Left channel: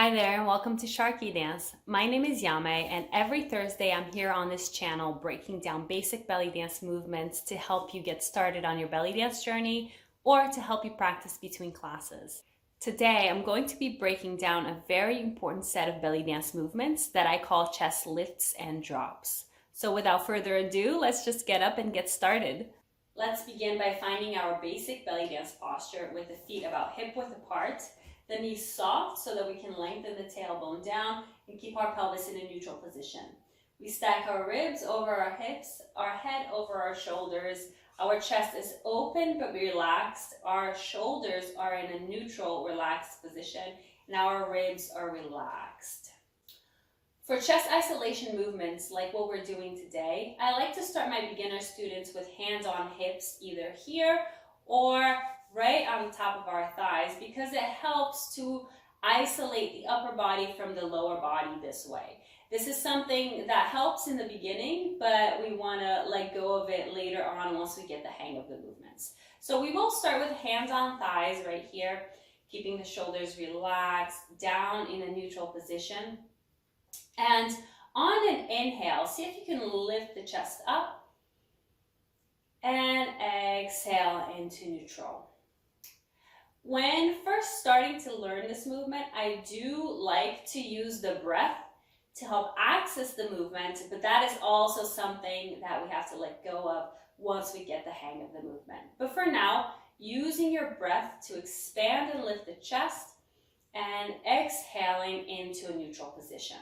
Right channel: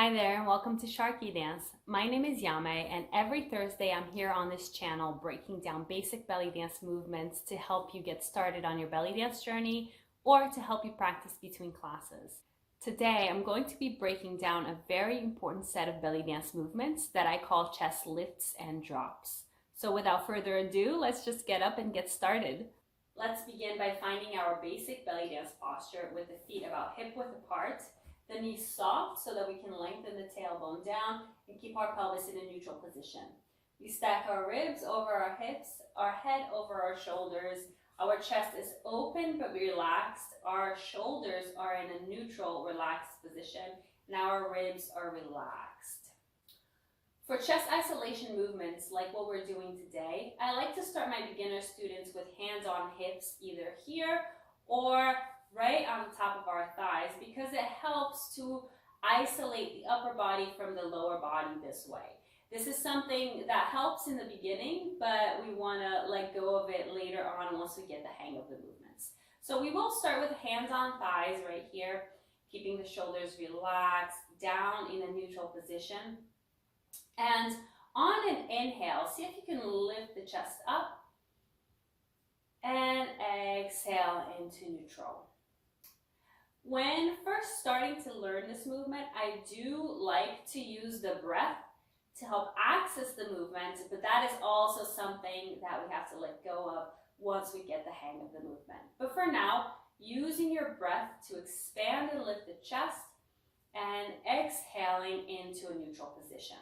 Hi there and welcome to SharqiDance. My name is Yame and every Thursday I'm here on this channel breaking down basic belly dance movements to help you get started on your belly dance journey or to help you practice between classes. Today I'm going to be breaking down a very important set of belly dance movements that I call chest lifts and drops. So without further ado, let's just get up and get started. Let's begin by finding our basic belly dance posture with the feet about hip width apart. The knees soft so that we can lengthen the tailbone down and keep our pelvis in a neutral position. We stack our ribs over our hips, our head over our shoulders. Our chest is open but relaxed. Our shoulders are in a neutral, relaxed position, and our ribs are relaxed. For chest isolation movements like what we're doing today, I like to start my beginner students with hands on hips, either here or right on the top of our thighs, because it helps to isolate the upper body from the lower body this way. This is something that helps in the beginning, but we want to let go of it later on once we get the hang of the movements. So we will start with hands on thighs right here, keeping the shoulders relaxed, down in a neutral position. And on an inhale, see if you can lift the chest up and exhale into neutral. When first starting to learn this movement, I do like to use the breath to help access the movement, but that is also something that we have to let go of once we get the hang of the movement. But for now, using your breath to expand and lift the chest and exhaling into a neutral position.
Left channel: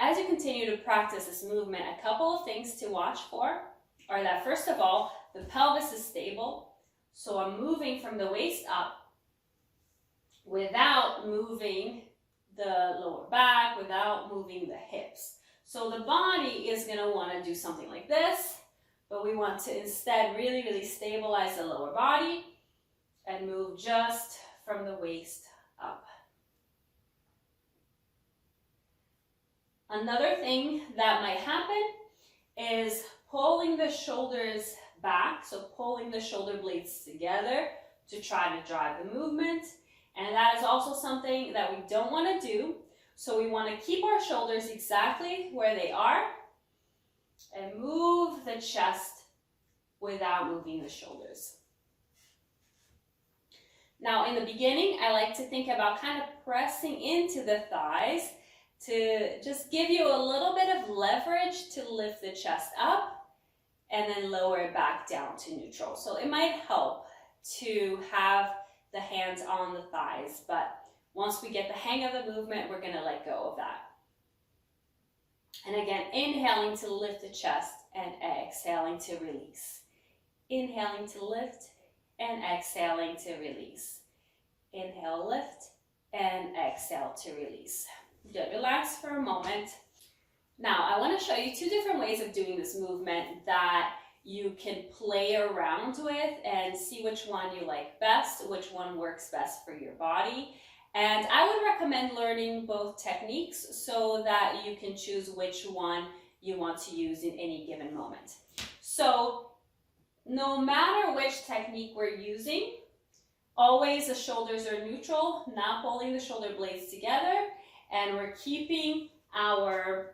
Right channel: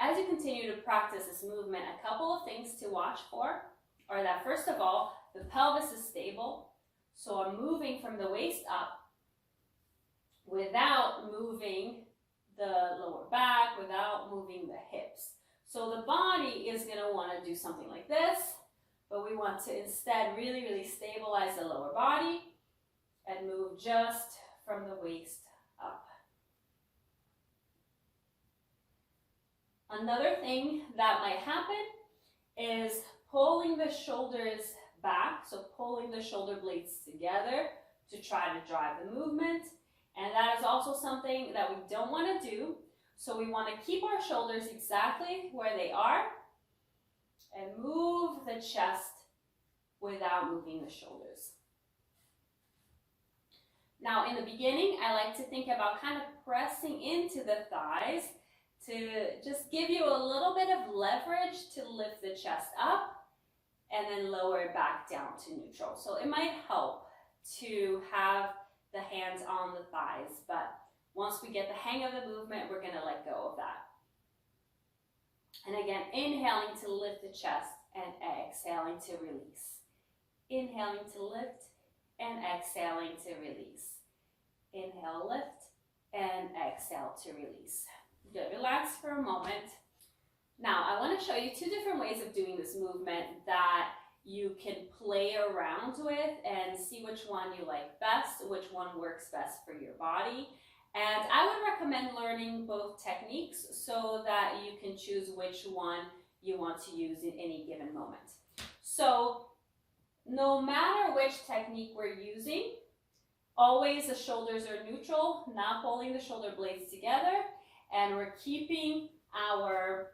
As you continue to practice this movement, a couple of things to watch for are that, first of all, the pelvis is stable. So I'm moving from the waist up without moving the lower back, without moving the hips. So the body is going to want to do something like this, but we want to instead really stabilize the lower body and move just from the waist up. Another thing that might happen is pulling the shoulders back, so pulling the shoulder blades together to try to drive the movement, and that is also something that we don't want to do. So we want to keep our shoulders exactly where they are and move the chest without moving the shoulders. Now in the beginning, I like to think about kind of pressing into the thighs to just give you a little bit of leverage to lift the chest up and then lower it back down to neutral. So it might help to have the hands on the thighs, but once we get the hang of the movement, we're gonna let go of that. And again, inhaling to lift the chest and exhaling to release. Inhaling to lift and exhaling to release. Inhale, lift, and exhale to release. Good, relax for a moment. Now, I want to show you two different ways of doing this movement that you can play around with and see which one you like best, which one works best for your body. And I would recommend learning both techniques so that you can choose which one you want to use in any given moment. So, no matter which technique we're using, always the shoulders are neutral, not pulling the shoulder blades together, and we're keeping our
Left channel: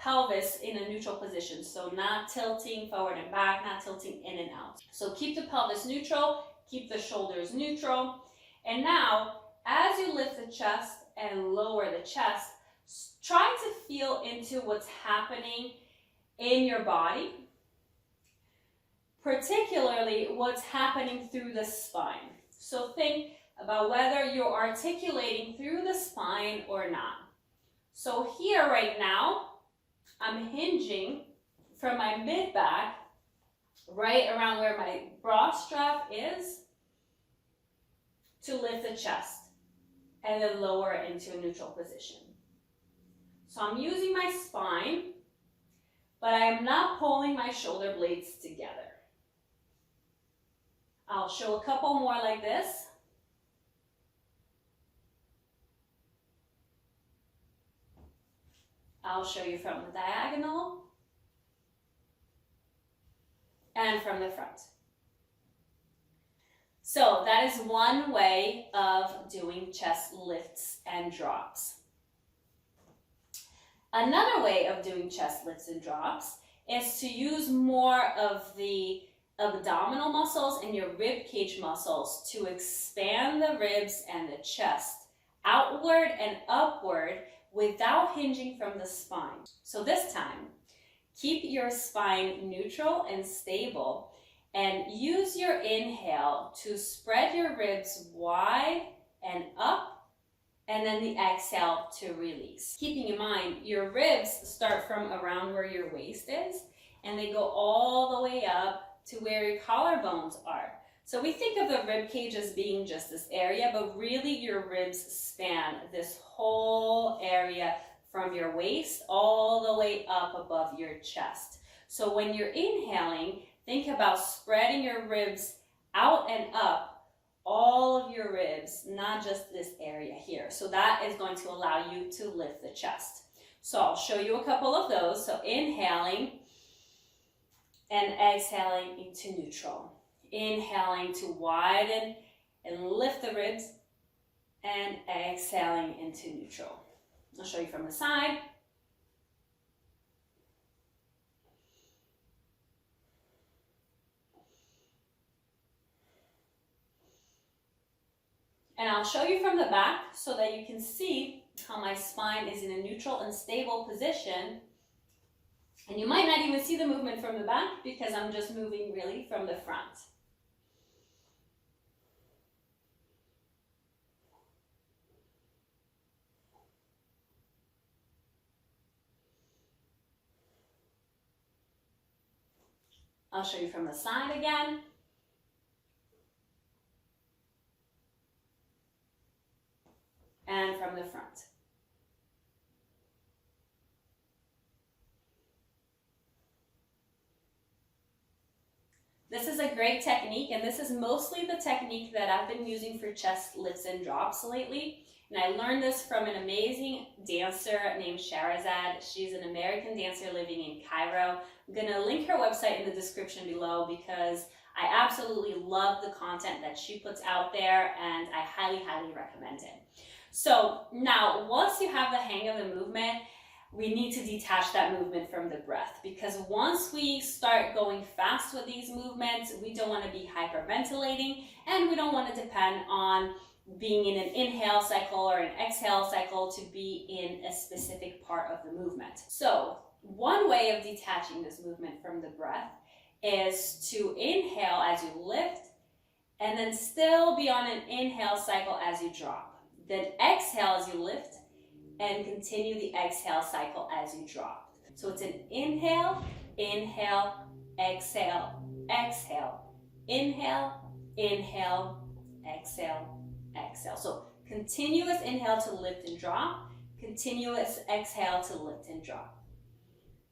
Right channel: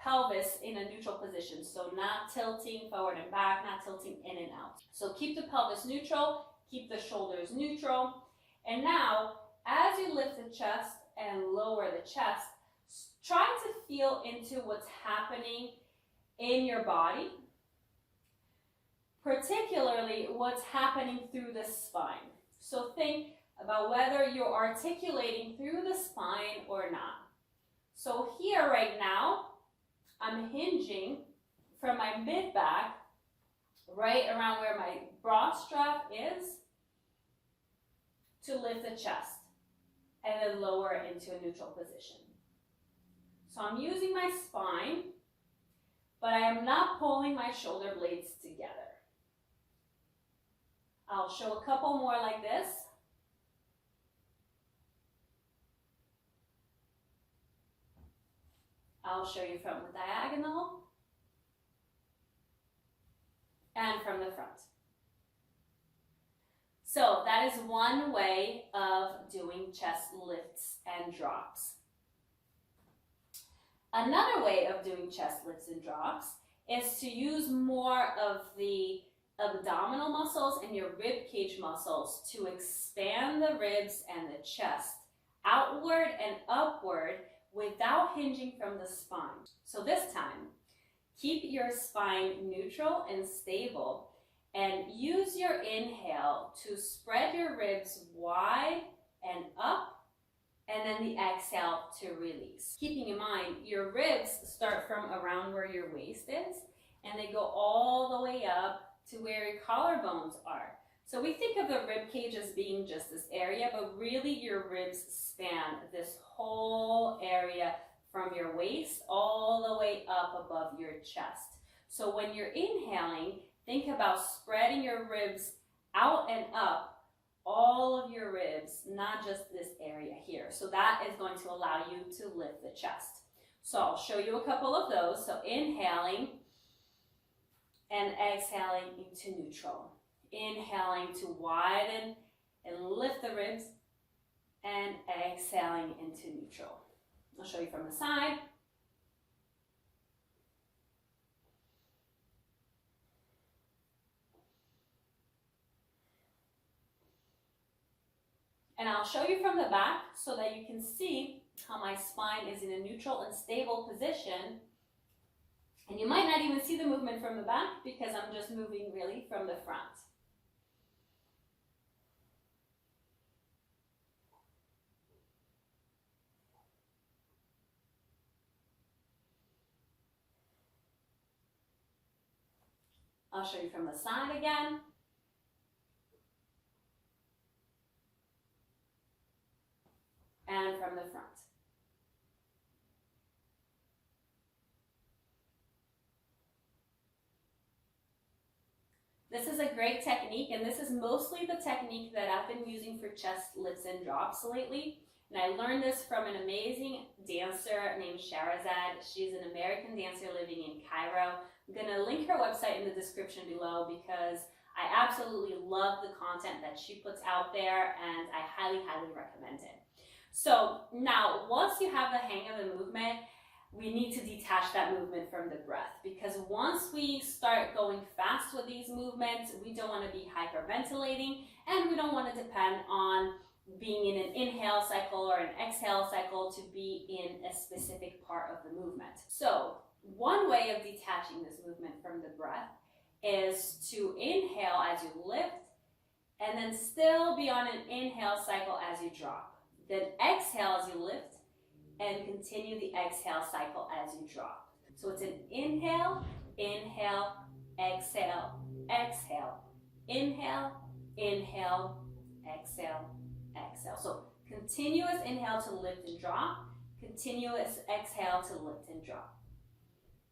pelvis in a neutral position, so not tilting forward and back, not tilting in and out. So keep the pelvis neutral, keep the shoulders neutral. And now, as you lift the chest and lower the chest, try to feel into what's happening in your body, particularly what's happening through the spine. So think about whether you're articulating through the spine or not. So here right now, I'm hinging from my mid-back right around where my bra strap is to lift the chest and then lower it into a neutral position. So I'm using my spine, but I am not pulling my shoulder blades together. I'll show a couple more like this. I'll show you from the diagonal and from the front. So that is one way of doing chest lifts and and drops. Another way of doing chest lifts and drops is to use more of the abdominal muscles and your rib cage muscles to expand the ribs and the chest outward and upward without hinging from the spine. So this time, keep your spine neutral and stable and use your inhale to spread your ribs wide and up, and then the exhale to release. Keeping in mind, your ribs start from around where your waist is, and they go all the way up to where your collarbones are. So we think of the rib cage as being just this area, but really your ribs span this whole area from your waist all the way up above your chest. So when you're inhaling, think about spreading your ribs out and up, all of your ribs, not just this area here. So that is going to allow you to lift the chest. So I'll show you a couple of those. So inhaling and exhaling into neutral. Inhaling to widen and lift the ribs, and exhaling into neutral. I'll show you from the side. And I'll show you from the back so that you can see how my spine is in a neutral and stable position. And you might not even see the movement from the back because I'm just moving really from the front. I'll show you from the side again. And from the front. This is a great technique, and this is mostly the technique that I've been using for chest lifts and drops lately. And I learned this from an amazing dancer named Sharazad. She's an American dancer living in Cairo. I'm gonna link her website in the description below because I absolutely love the content that she puts out there, and I highly, highly recommend it. So now, once you have the hang of the movement, we need to detach that movement from the breath, because once we start going fast with these movements, we don't want to be hyperventilating, and we don't want to depend on being in an inhale cycle or an exhale cycle to be in a specific part of the movement. So one way of detaching this movement from the breath is to inhale as you lift, and then still be on an inhale cycle as you drop. Then exhale as you lift, and continue the exhale cycle as you drop. So it's an inhale, inhale, exhale, exhale, inhale, inhale, exhale, exhale. So continuous inhale to lift and drop, continuous exhale to lift and drop.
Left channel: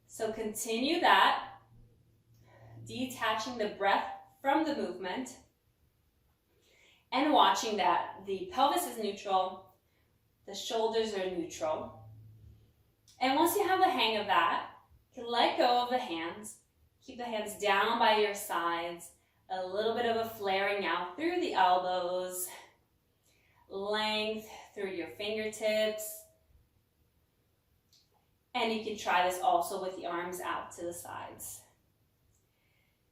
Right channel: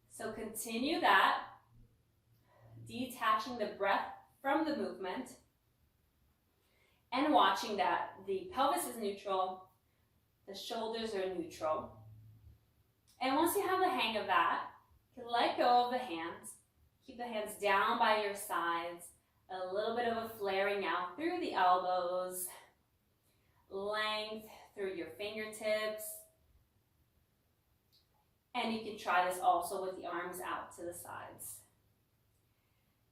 So continue that, detaching the breath from the movement and watching that the pelvis is neutral, the shoulders are neutral. And once you have the hang of that, you can let go of the hands. Keep the hands down by your sides. A little bit of a flaring out through the elbows. Length through your fingertips. And you can try this also with the arms out to the sides.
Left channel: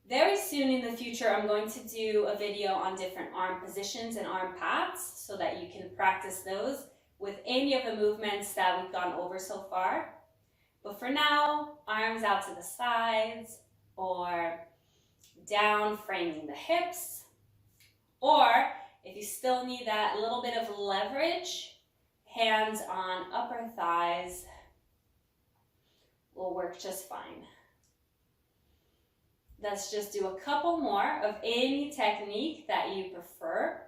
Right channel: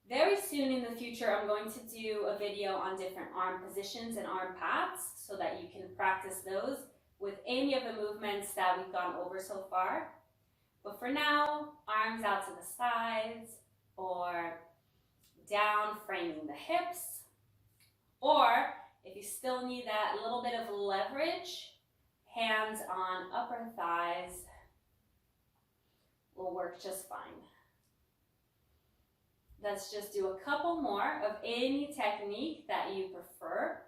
Very soon in the future, I'm going to do a video on different arm positions and arm paths so that you can practice those with any of the movements that we've gone over so far. But for now, arms out to the sides, or down framing the hips, or if you still need that little bit of leverage, hands on upper thighs will work just fine. Let's just do a couple more of any technique that you prefer.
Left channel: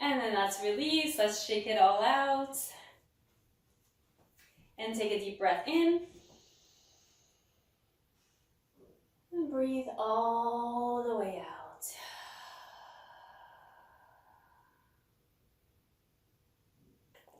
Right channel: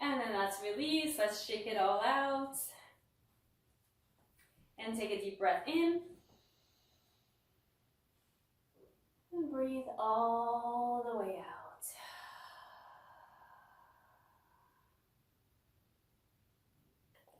And then let's release, let's shake it all out. And take a deep breath in. And breathe all the way out.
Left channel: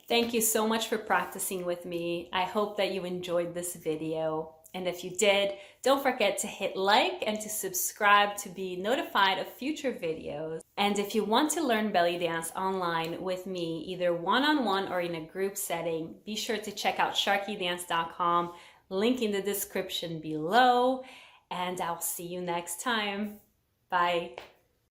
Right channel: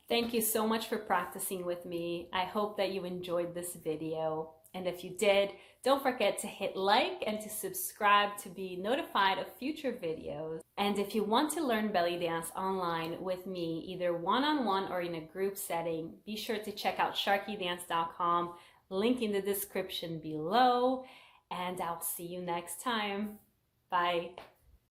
Thank you so much for practicing with me. I hope that you enjoyed this video. And if you did, don't forget to hit like and to subscribe to be notified of future videos. And if you want to learn belly dance online with me, either one-on-one or in a group setting, be sure to check out SharqiDance.com, link in the description below, and I'll see you next time. Bye.